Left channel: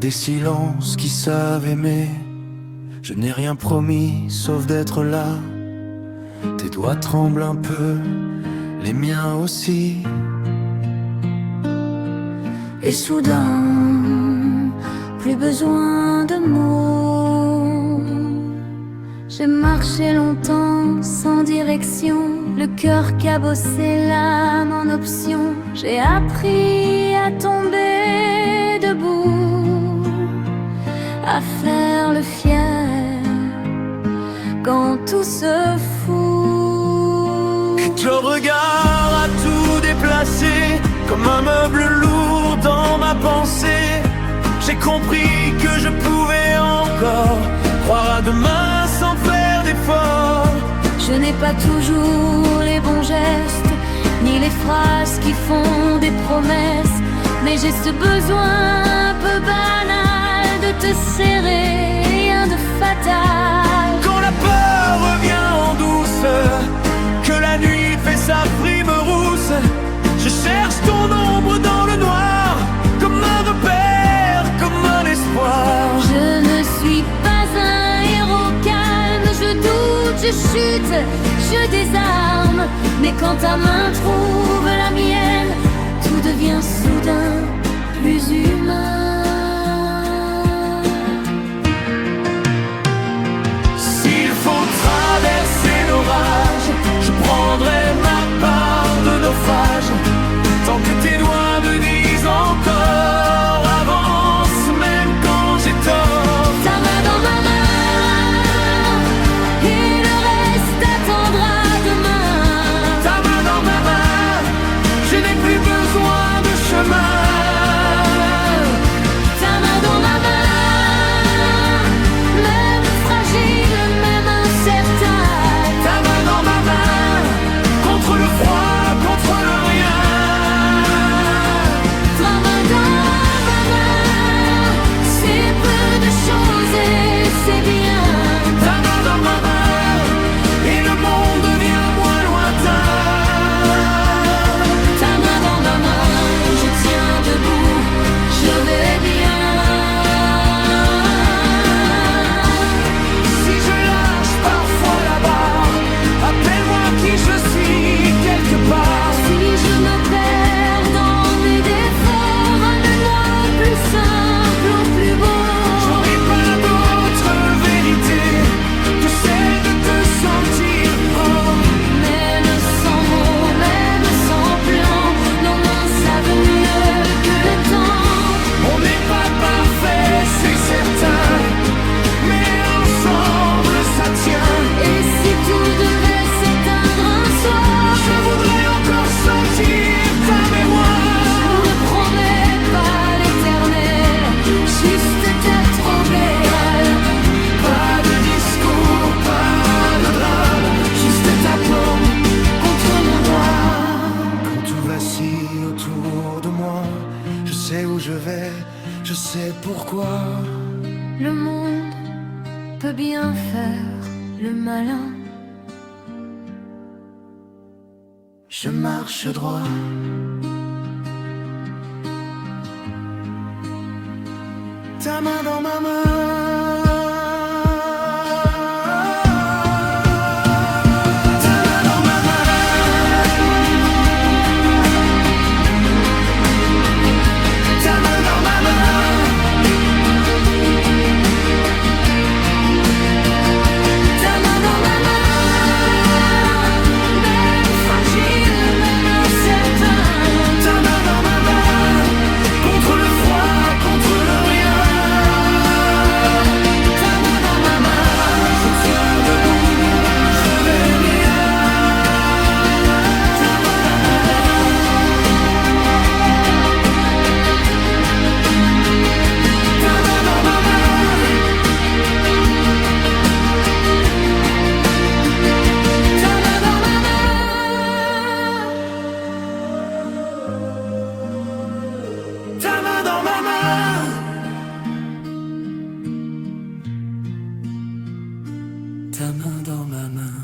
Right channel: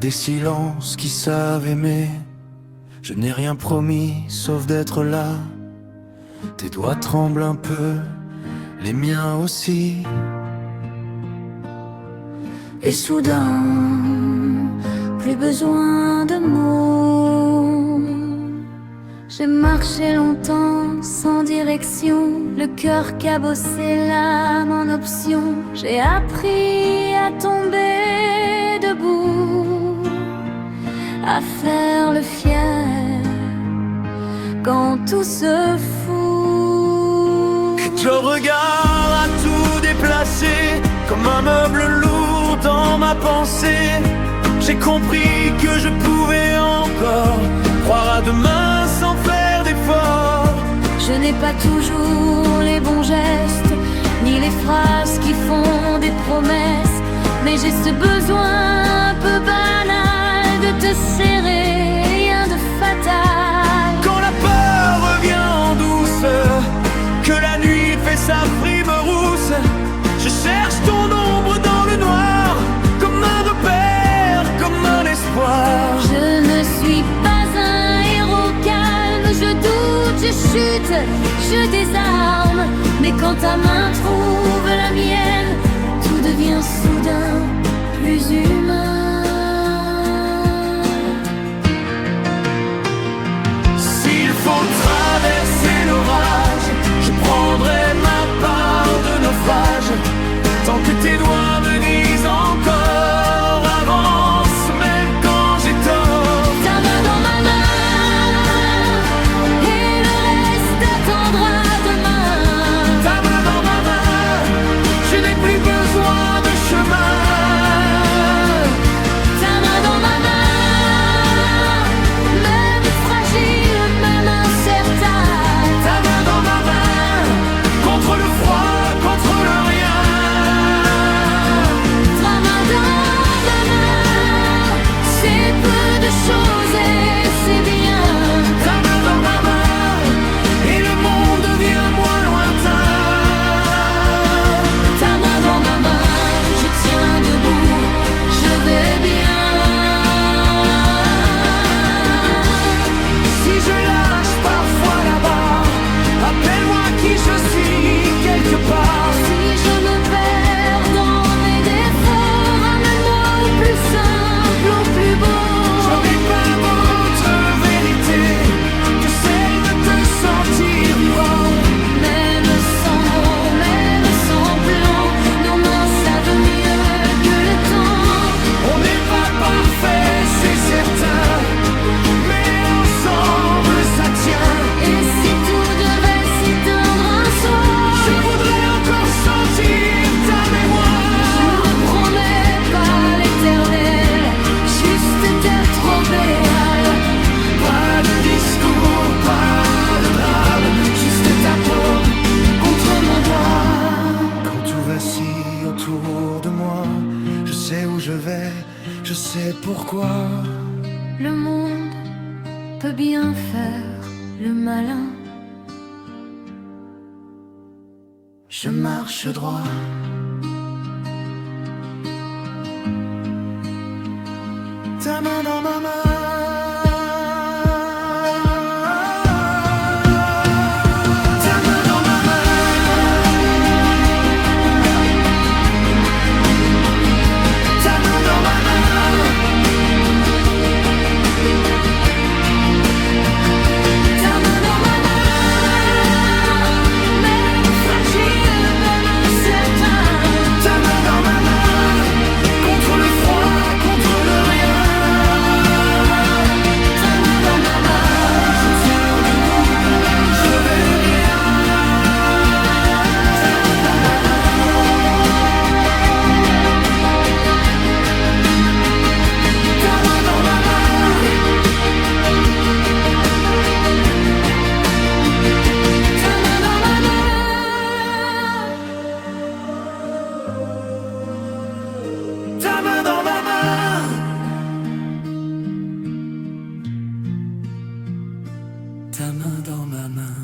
des silences qui savent aimer. Je n'ai rien promis sauf d'être là. Tes doigts tremblent un peu, les miens aussi. Et soudain, plus besoin de mots. J'ai marché longtemps sans direction, le cœur cabossé, l'âme en option. J'ai appris à tomber debout, à faire le fier quand tout se fout. Ton regard a tout déplacé, comme un meuble lourd dans ma pensée. J'ai compris que je pouvais encore croire à demain sans faire d'effort. Je n'ai pas toujours les bons gestes, ni les phrases qui font des promesses, mais j'ai ce besoin un peu banal de te serrer, rien de fatal. Quand la peur revient en douce, que la nuit fait sa frime rousse, je cherche ton ombre dans le noir, comme un repère, comme un espoir. Je ne suis pas un héros calme, je doute, je chute, je désarme. Mais quand ta main trouve la mienne, tout devient soudain plus humain. S'il faut traverser l'orage, je prendrai ma part de naufrage, tant que tes doigts me disent encore avance, même quand j'ai tort. Ta main dans ma main, et le reste attendra demain. Ta main dans ma main, je n'ai plus besoin de chemin. Ta main dans ma main, même fragile, même incertain. Ta main dans ma main, contre le froid, contre le rien. Ta main dans ma main, c'est peu de choses et c'est bien. Ta main dans ma main, et le monde devient moins lointain. Ta main dans ma main, je tiens debout, je vais bien. Si je lâche parfois la barre, appelle-moi qui je suis quelque part. Si je me perds dans mes défauts, ramène-moi au plus simple, au plus beau. J'aurai pas d'autre vérité que celle de te sentir fort. Même sans mots, même sans plan, nos mains savent mieux que le temps. On n'est pas parfait, c'est certain, mais ensemble ça tient. Et si tout devait s'éteindre un soir, Je voudrais encore sentir ta mémoire. je ne promets pas l'éternel, juste d'être obéal. Pas de discours, pas de drame, juste ta paume contre mon doigt. Quand tout vacille autour de moi, je sais où je vais, je sais pourquoi. Le monde peut bien faire le malin. Je marche droit. Ta main dans ma main. Ta main dans ma main. Ta main dans ma main. Ta main dans ma main, même fragile, même incertain. Ta main dans ma main, contre le froid, contre le rien. Ta main dans ma main, Je tiens debout, je vais rien. ta main dans ma main. Ta main dans ma main. Ta main dans ma main. Ta main dans ma main. Ta main dans ma main.